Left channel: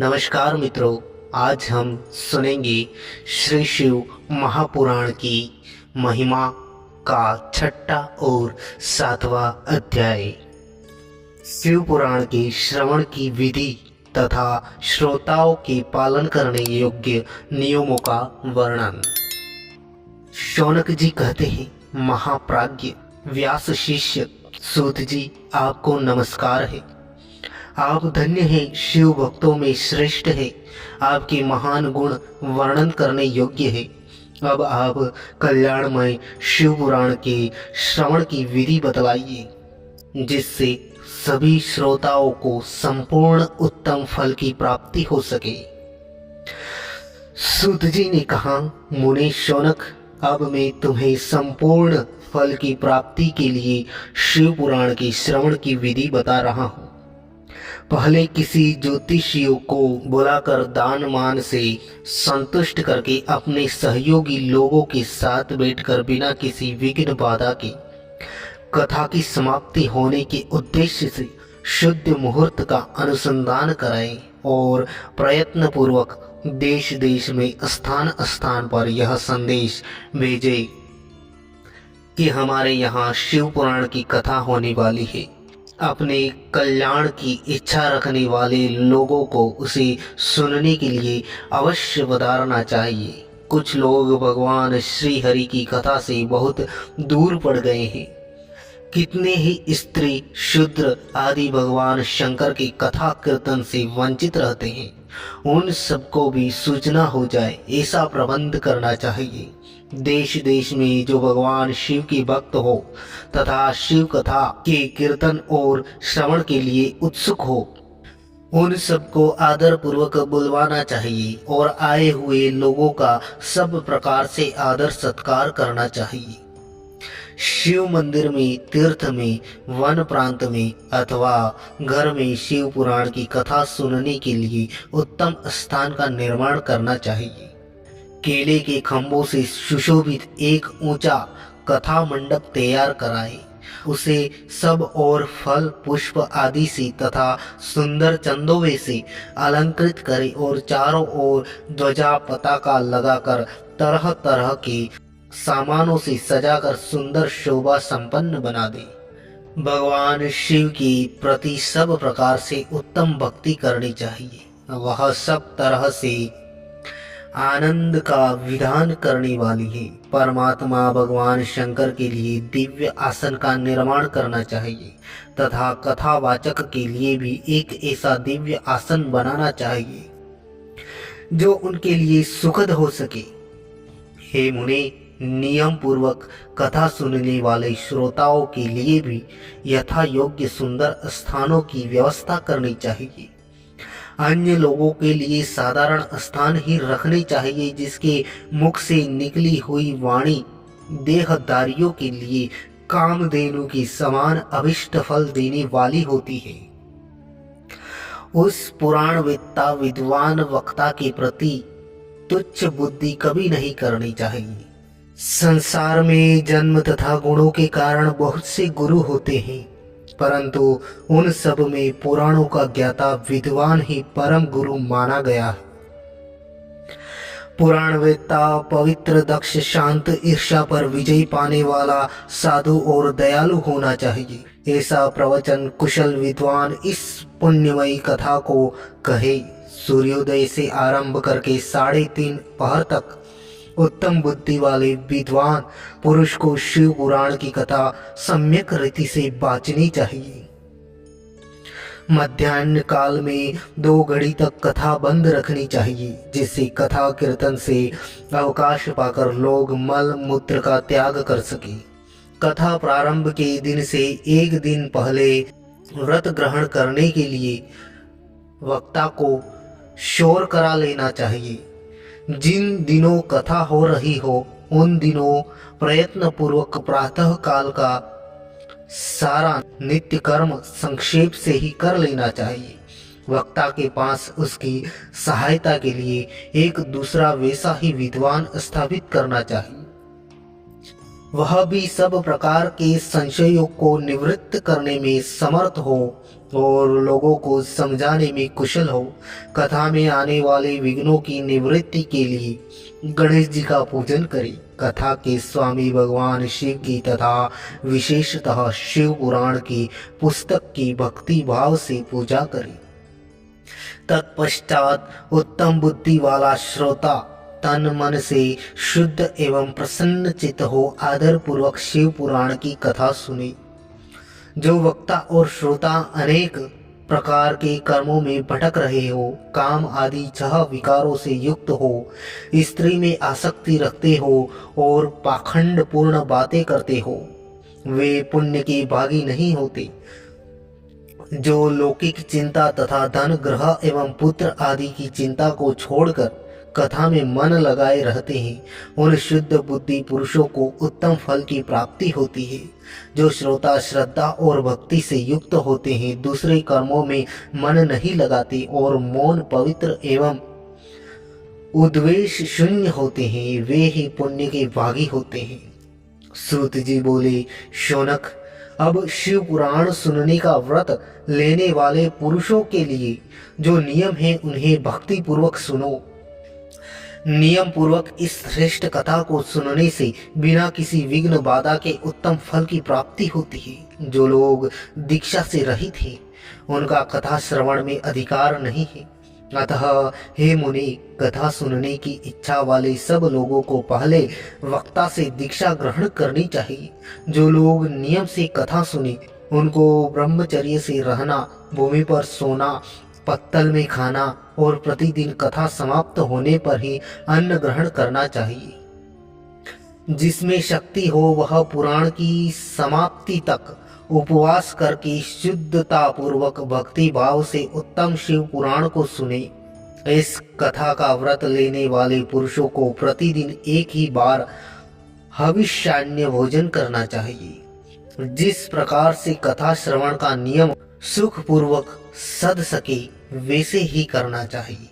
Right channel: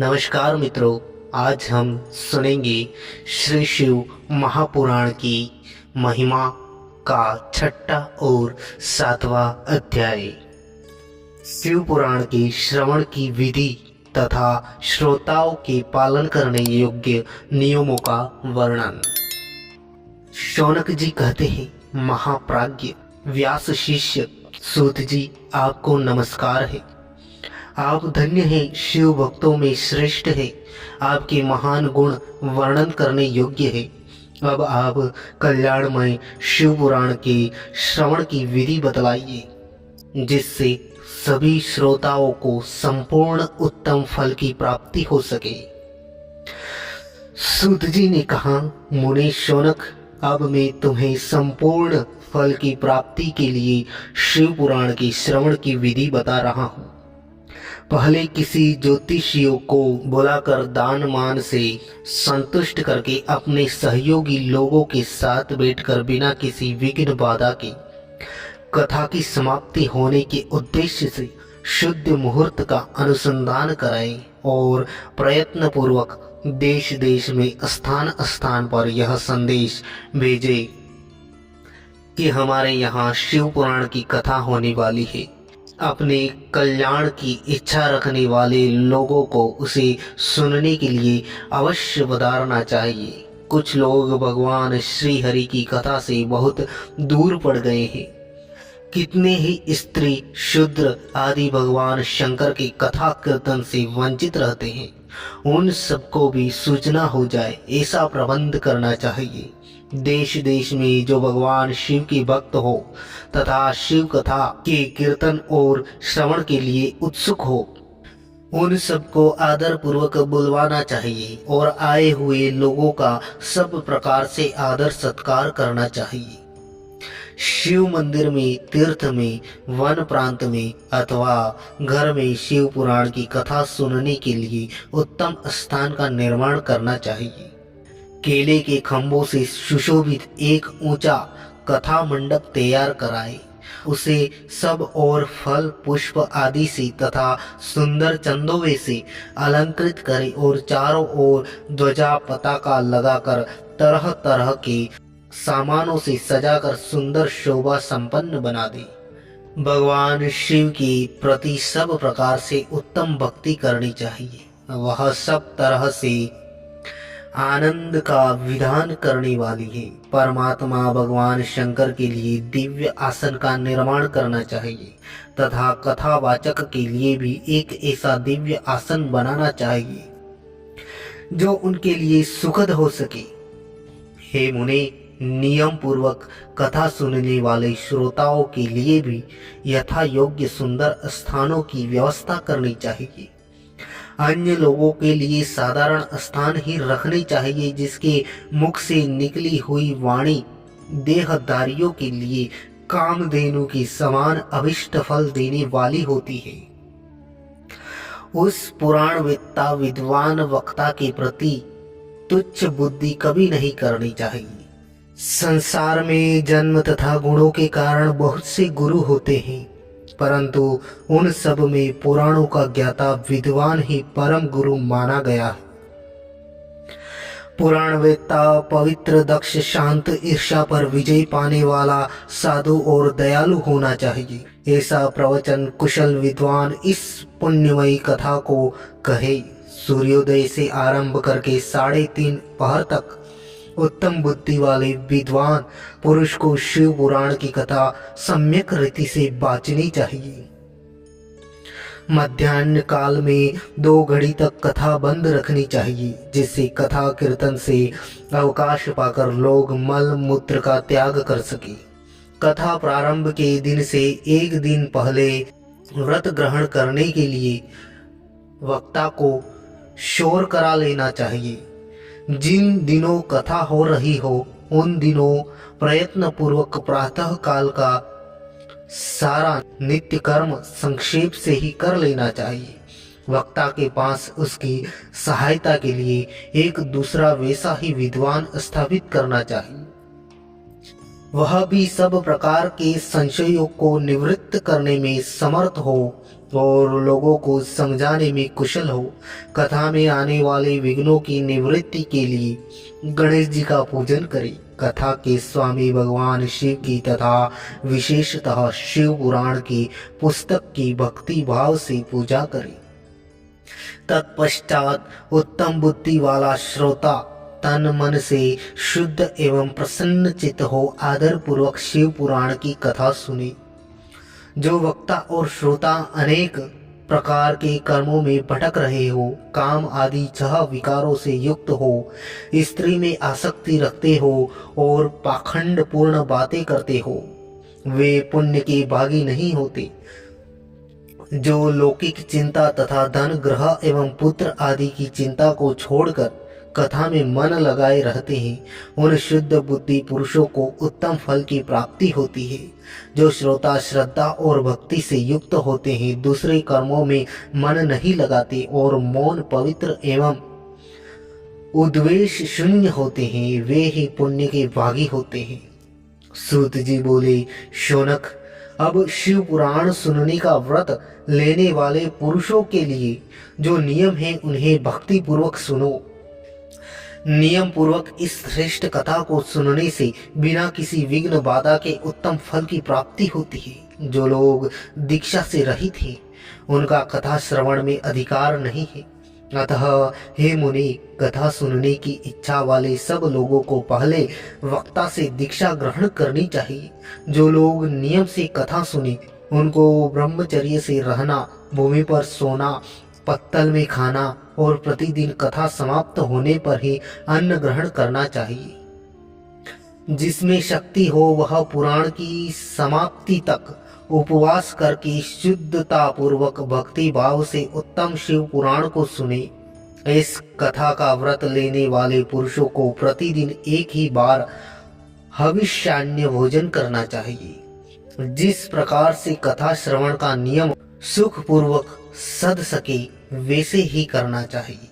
नमस्कार मित्रों, आज हम सुनेंगे श्री शिव महापुराण की महिमा का छठा और सातवां अध्याय। शिव पुराण के श्रवण की विधि तथा श्रोताओं के पालन करने योग्य नियमों का वर्णन। शौनक जी कहते हैं, महाप्राज्ञ व्यास शिष्य सूत जी, आपको नमस्कार है। आप धन्य हैं, शिव भक्तों में श्रेष्ठ है। आपके महान गुण वर्णन करने योग्य है। अब आप कल्याणमय शिव पुराण के श्रवण की विधि बतलाइए, जिससे सभी श्रोताओं को संपूर्ण उत्तम फल की प्राप्ति हो सके। सूत जी ने कहा, मुनि शौनक, अब मैं तुम्हें संपूर्ण फल की प्राप्ति के लिए शिव पुराण के श्रवण की विधि बता रहा हूँ। पहले किसी ज्योतिषियों को बुलाकर दान मान से संतुष्ट करके अपने सहयोगी लोगों के साथ बैठकर बिना किसी विघ्न बाधा के कथा की समाप्ति होने के उद्देश्य से शुद्ध मुहूर्त का अनुसंधान कराएं और प्रयत्न पूर्वक देश देश में स्थान स्थान पर यह संदेश भेजे कि हमारे यहाँ शिव पुराण की कथा होने वाली है। अपने कल्याण की इच्छा रखने वाले लोगों को उसे सुनने के लिए अवश्य पधारना चाहिए। कुछ लोग भगवान श्री हरि की कथा से बहुत दूर पड़ गए हैं। कितने ही स्त्री शूद्र आदि भगवान शंकर की कथा कीर्तन से वंचित रहते हैं। उन सबको भी सूचना हो जाए, ऐसा प्रबंध करना चाहिए। देश देश में जो भगवान शिव के भक्त हो तथा शिव कथा के कीर्तन और श्रवण के लिए उत्सुक हो, उन सबको आदर पूर्वक बुलवाना चाहिए और आए हुए लोगों का सब प्रकार से आदर सत्कार करना चाहिए। शिव मंदिर में, तीर्थ में, वन प्रांत में अथवा घर में शिव पुराण की कथा सुनने के लिए उत्तम स्थान का निर्माण करना चाहिए। केले के खंभों से सुशोभित एक ऊंचा कथा मंडप तैयार कराए। उसे सब और फल पुष्प आदि से तथा सुंदर चंदोवे से अलंकृत करे और चारों ओर ध्वजा पताका लगाकर तरह तरह के सामानों से सजाकर सुंदर शोभा संपन्न बना दे। भगवान शिव के प्रति सब प्रकार से उत्तम भक्ति करनी चाहिए। वह सब तरह से आनंद का विधान करने वाली है। परमात्मा भगवान शंकर के लिए दिव्य आसन का निर्माण करना चाहिए तथा कथावाचक के लिए भी एक ऐसा दिव्य आसन बनाना चाहिए जो उनके लिए सुखद हो सके। हे मुने, नियम पूर्वक कथा सुनने वाले श्रोताओं के लिए भी यथा योग्य सुंदर स्थानों की व्यवस्था करनी चाहिए। अन्य लोगों के लिए साधारण स्थान ही रखने चाहिए, जिसके मुख से निकली हुई वाणी देहधारियों के लिए कामधेनु की समान अभिष्ट फल देने वाली होती है। उस पुराणवेत्ता विद्वान वक्ता के प्रति तुच्छ बुद्धि कभी नहीं करनी चाहिए। संसार में जन्म तथा गुणों के कारण बहुत से गुरु होते हैं, परंतु उन सब में पुराणों का ज्ञाता विद्वान ही परम गुरु माना गया है। पुराणवेत्ता पवित्र, दक्ष, शांत, ईर्ष्या पर विजय पाने वाला, साधु और दयालु होना चाहिए। ऐसा प्रवचन कुशल विद्वान इस पुण्यमयी कथा को कहे। सूर्योदय से आरंभ करके 3:30 पहर तक उत्तम बुद्धि वाले विद्वान पुरुष को शिव पुराण की कथा सम्यक रीति से बाँचनी चाहिए। मध्याह्न काल में 2 घड़ी तक कथा बंद रखनी चाहिए, जिससे कथा कीर्तन से अवकाश पाकर लोग मल मूत्र का त्याग कर सके। कथा प्रारंभ के दिन से 1 दिन पहले व्रत ग्रहण करने के लिए वक्ता को शोर करा लेना चाहिए। जिन दिनों कथा हो रही हो उन दिनों प्रयत्न पूर्वक प्रातः काल का सारा नित्य कर्म संक्षेप से ही कर लेना चाहिए। वक्ता के पास उसकी सहायता के लिए एक दूसरा वैसा ही विद्वान स्थापित करना चाहिए। वह भी सब प्रकार के संशयों को निवृत्त करने में समर्थ हो और लोगों को समझाने में कुशल हो। कथा में आने वाले विघ्नों की निवृत्ति के लिए गणेश जी का पूजन करें। कथा के स्वामी भगवान शिव की तथा विशेषतः शिव पुराण की पुस्तक की भक्ति भाव से पूजा करें। तत्पश्चात उत्तम बुद्धि वाला श्रोता तन मन से शुद्ध एवं प्रसन्न चित्त हो आदर पूर्वक शिव पुराण की कथा सुने। जो वक्ता और श्रोता अनेक प्रकार के कर्मों में भटक रहे हो, काम आदि छह विकारों से युक्त हो, स्त्री में आसक्ति रखते हो और पाखंड पूर्ण बातें करते हो, वे पुण्य के भागी नहीं होते। जो लौकिक चिंता तथा धन ग्रह एवं पुत्र आदि की चिंता को छोड़कर कथा में मन लगाए रहते हैं, उन शुद्ध बुद्धि पुरुषों को उत्तम फल की प्राप्ति होती है। जो श्रोता श्रद्धा और भक्ति से युक्त होते हैं, दूसरे कर्मों में मन नहीं लगाते और मौन पवित्र एवं उद्वेष शून्य होते हैं, वे ही पुण्य के भागी होते हैं। सूत जी बोले, शौनक, अब शिव पुराण सुनने का व्रत लेने वाले पुरुषों के लिए जो नियम है उन्हें भक्ति पूर्वक सुनो। नियम पूर्वक इस श्रेष्ठ कथा को सुनने से बिना किसी विघ्न बाधा के उत्तम फल की प्राप्ति होती है। जो लोग दीक्षा से रहित हैं, उनका कथा श्रवण में अधिकार नहीं है। अतः हे मुनि, कथा सुनने की इच्छा वाले सब लोगों को पहले वक्ता से दीक्षा ग्रहण करनी चाहिए। जो लोग नियम से कथा सुने, उनको ब्रह्मचर्य से रहना, भूमि पर सोना, पत्तल में खाना और प्रतिदिन कथा समाप्त होने पर ही अन्न ग्रहण करना चाहिए। जिसमें शक्ति हो वह पुराण की समाप्ति तक उपवास करके शुद्धता पूर्वक भक्ति भाव से उत्तम शिव पुराण को सुने। इस कथा का व्रत लेने वाले पुरुषों को प्रतिदिन एक ही बार हविष्यान्य भोजन करना चाहिए। जिस प्रकार से कथा श्रवण का नियम सुख पूर्वक सध सके वैसे ही करना चाहिए।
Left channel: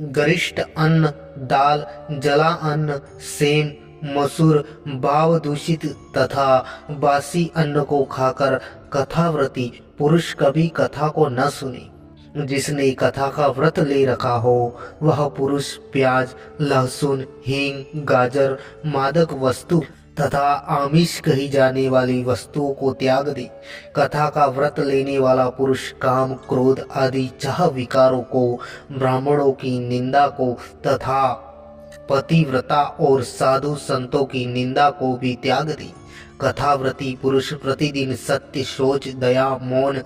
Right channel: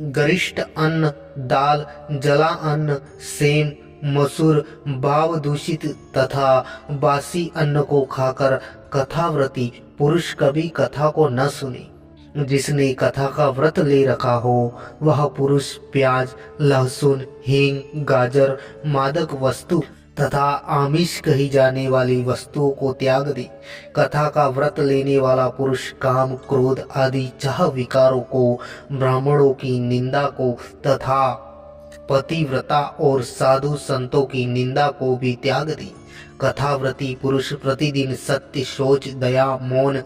गरिष्ठ अन्न, दाल, जला अन्न, सेम, मसूर, भाव दूषित तथा बासी अन्न को खाकर कथाव्रती पुरुष कभी कथा को न सुने। जिसने कथा का व्रत ले रखा हो वह पुरुष प्याज, लहसुन, हींग, गाजर, मादक वस्तु तथा आमिष कही जाने वाली वस्तुओं को त्याग दे। कथा का व्रत लेने वाला पुरुष काम, क्रोध आदि छह विकारों को, ब्राह्मणों की निंदा को तथा पतिव्रता और साधु संतों की निंदा को भी त्याग दे। कथाव्रती पुरुष प्रतिदिन सत्य, शौच, दया, मौन,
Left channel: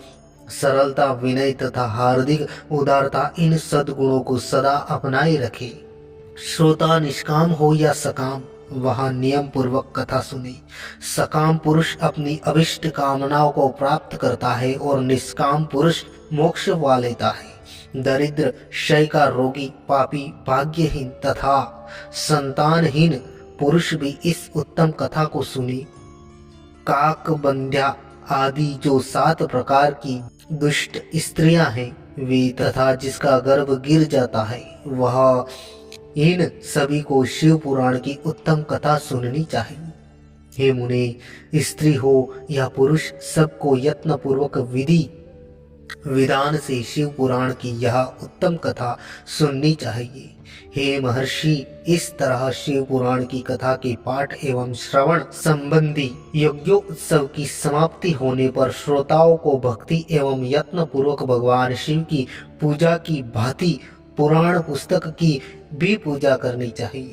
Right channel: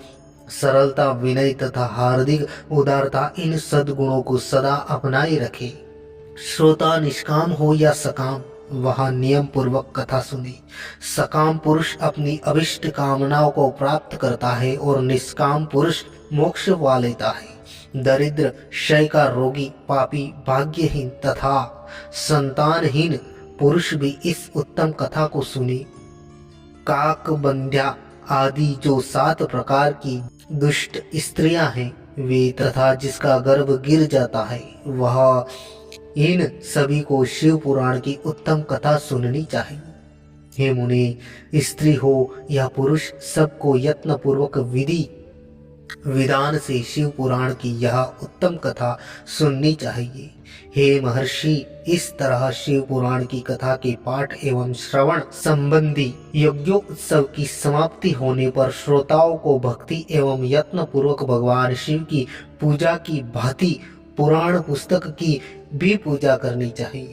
सरलता, विनय तथा हार्दिक उदारता, इन सद्गुणों को सदा अपनाए रखे। श्रोता निष्काम हो या सकाम, वह नियम पूर्वक कथा सुने। सकाम पुरुष अपनी अभिष्ट कामनाओं को प्राप्त करता है और निष्काम पुरुष मोक्ष पा लेता है। दरिद्र, क्षय का रोगी, पापी, भाग्यहीन तथा संतानहीन पुरुष भी इस उत्तम कथा को सुने। काक, बंध्या आदि जो 7 प्रकार की दुष्ट स्त्रियां हैं वे तथा जिसका गर्भ गिर जाता है वह, इन सभी को शिव पुराण की उत्तम कथा सुननी चाहिए। हे मुने, स्त्री हो या पुरुष, सबको यत्न पूर्वक विधि विधान से शिव पुराण की यह उत्तम कथा सुननी चाहिए। हे महर्षि, इस तरह शिव पुराण की कथा के पाठ एवं श्रवण संबंधी यज्ञोत्सव की समाप्ति होने पर श्रोताओं को भक्ति एवं यत्न पूर्वक भगवान शिव की पूजा की भांति पुराण पुस्तक की भी पूजा करनी चाहिए।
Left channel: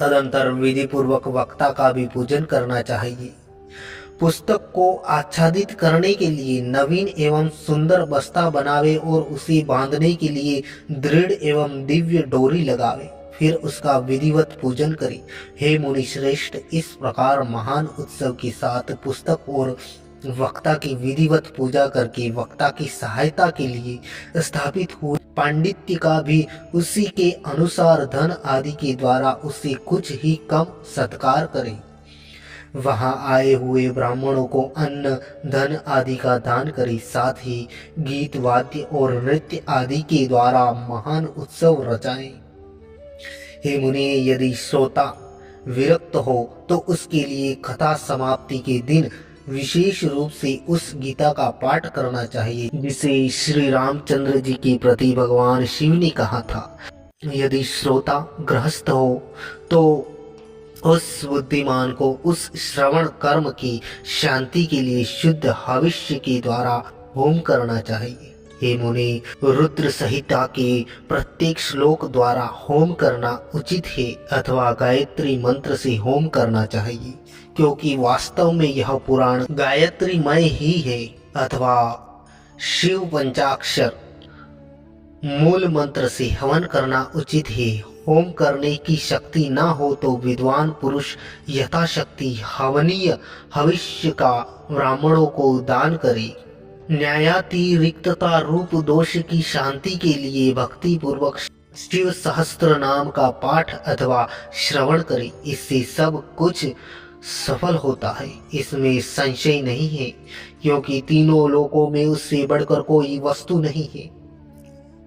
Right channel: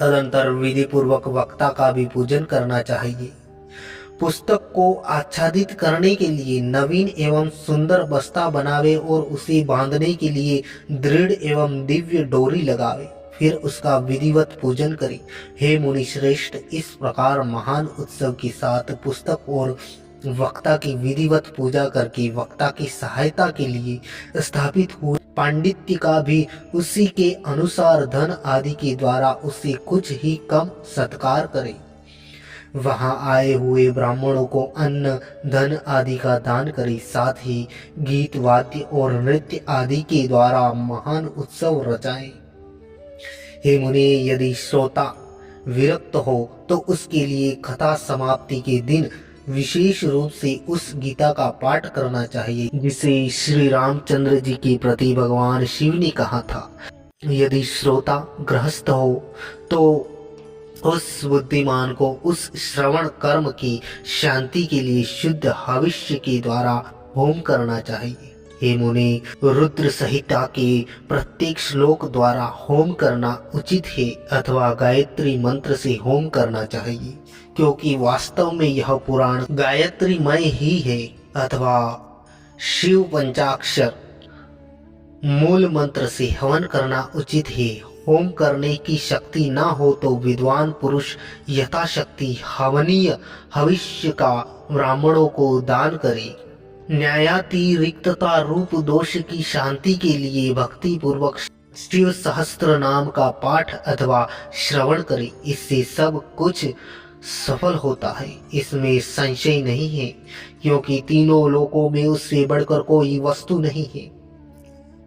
तदंतर विधि पूर्वक वक्ता का भी पूजन करना चाहिए। पुस्तक को आच्छादित करने के लिए नवीन एवं सुंदर बस्ता बनावे और उसे बांधने के लिए दृढ़ एवं दिव्य डोरी लगावे, फिर उसका विधिवत पूजन करे। हे मुनि श्रेष्ठ, इस प्रकार महान उत्सव के साथ पुस्तक और वक्ता की विधिवत पूजा करके वक्ता की सहायता के लिए स्थापित हुए पांडित्य का भी उसी के अनुसार धन आदि के द्वारा उससे कुछ ही कम सत्कार करें। वहां आए हुए ब्राह्मणों को अन्न, धन आदि का दान करे। साथ ही गीत, वाद्य और नृत्य आदि के द्वारा महान उत्सव रचाएं। हे मुनि, यदि श्रोता विरक्त हो तो उसके लिए कथा समाप्ति के दिन विशेष रूप से उस गीता का पाठ करना चाहिए जिसे श्री रामचंद्र जी के प्रति भगवान शिव ने कहा था। यदि श्रोता गृहस्थ हो तो उस बुद्धिमान को उस श्रवण कर्म की शांति के लिए शुद्ध हविष्य के द्वारा होम करना चाहिए। हे मुनि, रुद्र संहिता के प्रत्येक श्लोक द्वारा होम करना उचित है अथवा गायत्री मंत्र से होम करना चाहिए, क्योंकि वास्तव में यह पुराण गायत्रीमय ही है अथवा शिव पंचाक्षर मूल मंत्र से हवन करना उचित है। होम करने की शक्ति न हो तो विद्वान पुरुष यथाशक्ति हवनीय हविष्य का ब्राह्मणों को दान करे। न्यायातिरिक्तता रूप दोष की शांति के लिए भक्ति पूर्वक शिव सहस्त्र नाम का पाठ अथवा श्रवण करे। इससे सब कुछ सफल होता है, इसमें संशय नहीं है, क्योंकि तीनों लोकों में उससे बढ़कर कोई वस्तु नहीं है।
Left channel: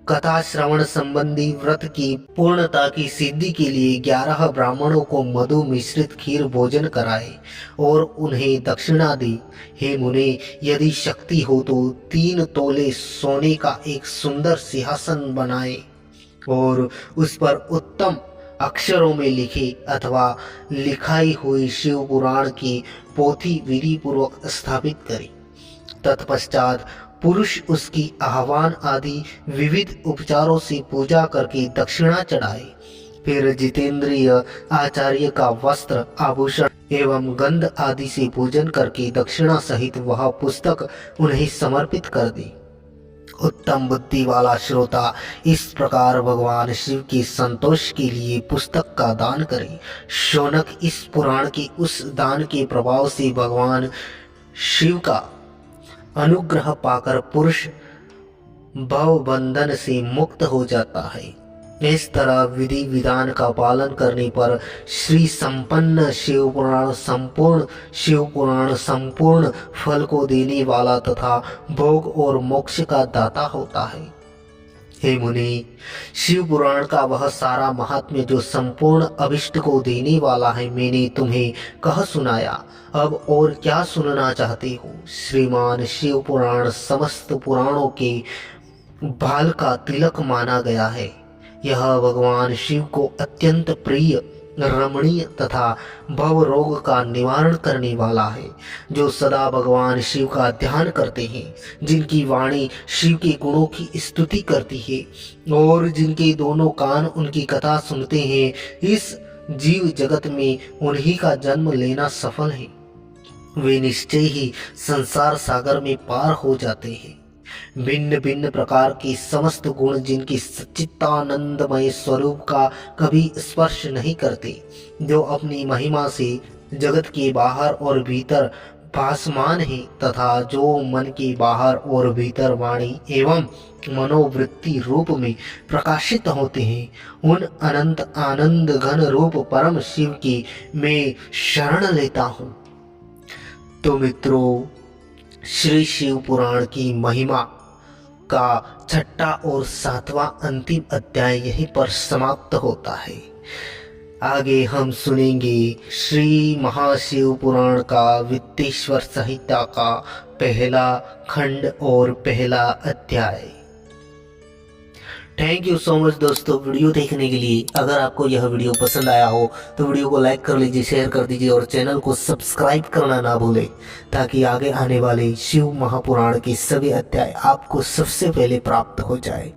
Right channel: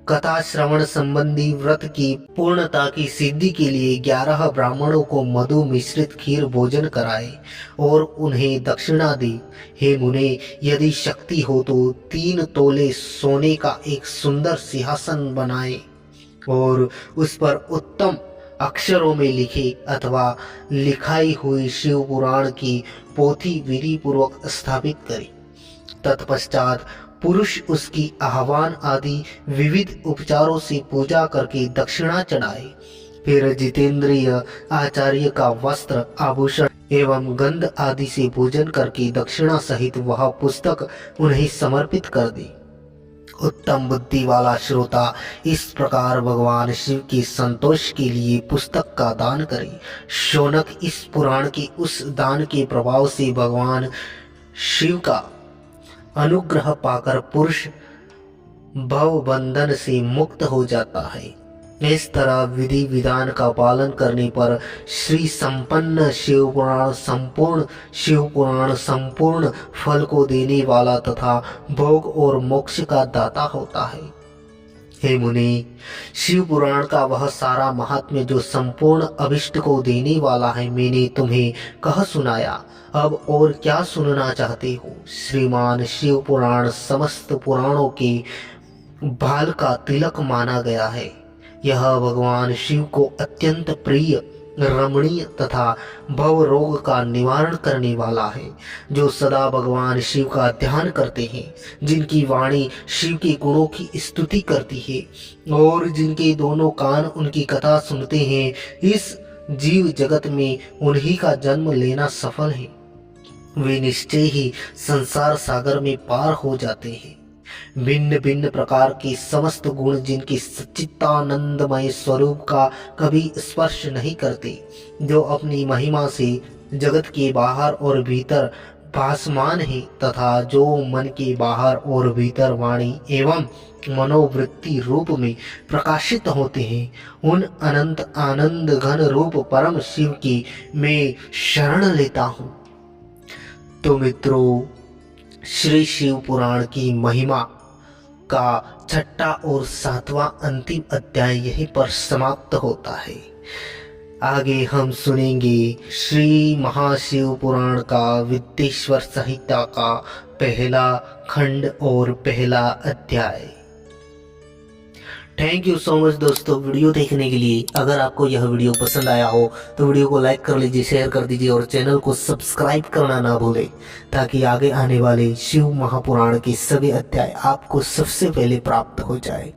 कथा श्रवण संबंधी व्रत की पूर्णता की सिद्धि के लिए 11 ब्राह्मणों को मधु मिश्रित खीर भोजन कराए और उन्हें दक्षिणा दी। हे मुने, यदि शक्ति हो तो 3 तोले सोने का एक सुंदर सिंहासन बनाए और उस पर उत्तम अक्षरों में लिखे अथवा लिखाई हुई शिव पुराण की पोथी विधि पूर्वक स्थापित करें। तत्पश्चात पुरुष उसकी आह्वान आदि विविध उपचारों से पूजा करके दक्षिणा चढ़ाए। फिर जितेंद्रिय आचार्य का वस्त्र आभूषण एवं गंध आदि से पूजन करके दक्षिणा सहित वह पुस्तक उन्हें समर्पित कर दी। उत्तम बुद्धि वाला श्रोता इस प्रकार भगवान शिव के संतोष के लिए पुस्तक का दान करे। शौनक इस पुराण के उस दान के प्रभाव से भगवान शिव का अनुग्रह पाकर पुरुष भव बंधन से मुक्त हो जाता है। इस तरह विधि विधान का पालन करने पर श्री संपन्न शिव पुराण संपूर्ण फल को देने वाला तथा भोग और मोक्ष का दाता होता है। हे मुनि, शिव पुराण का वह सारा महात्म्य जो संपूर्ण अभिष्ट को देने वाला है मैंने तुम्हें कह सुनाया। अब और क्या सुनना चाहते हो? श्रीमान शिव पुराण समस्त पुराणों के भाल का तिलक माना गया है। यह भगवान शिव को अत्यंत प्रिय, रमणीय तथा भव रोग का निवारण करने वाला है। जो सदा भगवान शिव का ध्यान करते हैं, जिनकी वाणी शिव के गुणों की स्तुति करती है और जिनके दोनों कान उनकी कथा सुनते हैं, इस जीव जगत में उन्हीं का जन्म लेना सफल है। वे निश्चय ही संसार सागर में पार हो जाते हैं। भिन्न भिन्न प्रकार के समस्त गुण जिनके सच्चिदानंदमय स्वरूप का कभी स्पर्श नहीं करते, जो अपनी महिमा से जगत के बाहर और भीतर भासमान है तथा जो मन के बाहर और भीतर वाणी एवं मनोवृत्ति रूप में प्रकाशित होते हैं, उन अनंत आनंद घन रूप परम शिव की मैं शरण लेता हूँ। तो मित्रों, श्री शिव पुराण की महिमा का 6वां और 7वां अंतिम अध्याय यहीं पर समाप्त होता है। आगे हम सुनेंगे श्री महाशिव पुराण का विद्येश्वर संहिता का पहला खंड और पहला अध्याय। थैंक यू सो मच दोस्तों वीडियो देखने के लिए। अगर आपको यह वीडियो पसंद आया हो तो वीडियो को लाइक कर लीजिए, शेयर कर दीजिए और चैनल को सब्सक्राइब करना ना भूलें, ताकि आगे आने वाले शिव महापुराण के सभी अध्याय आपको सबसे पहले प्राप्त हो जाए।